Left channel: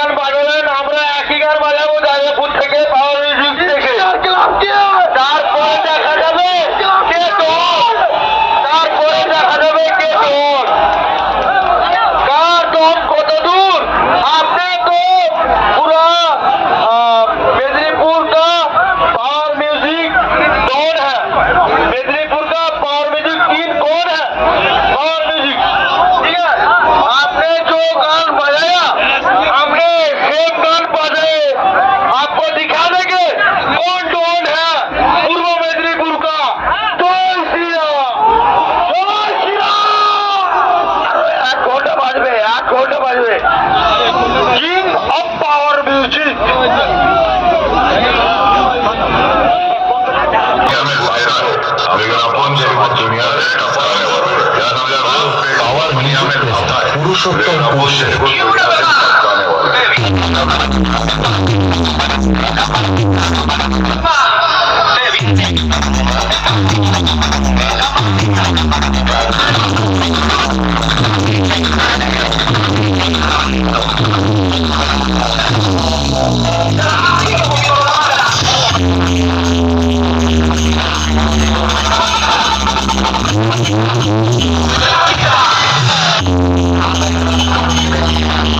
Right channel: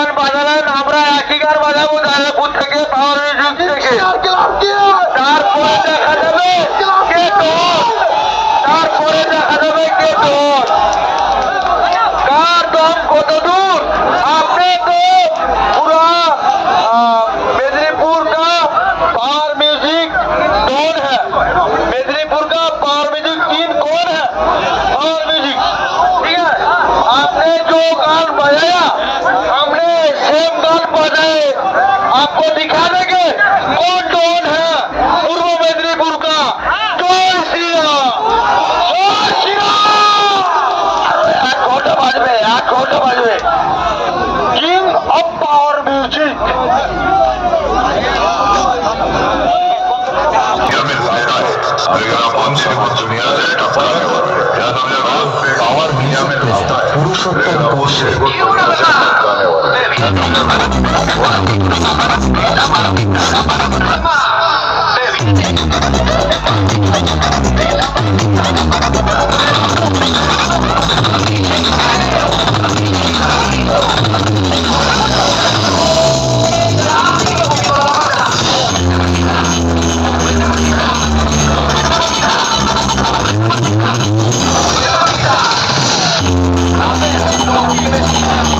গান বাজালেন আমরা একই গান বাজাবো দাদাপুর থেকে পাওয়ার মিউজিক থেকে। তারপরে দেখা যাবে কে তোর তারপরে দেখা যাবে কে তোর আপনি তো পুরা মেদিনীপুরটা power ring of power music Purushottam পুরুষের প্রেজেন্ট পুরুষোত্তম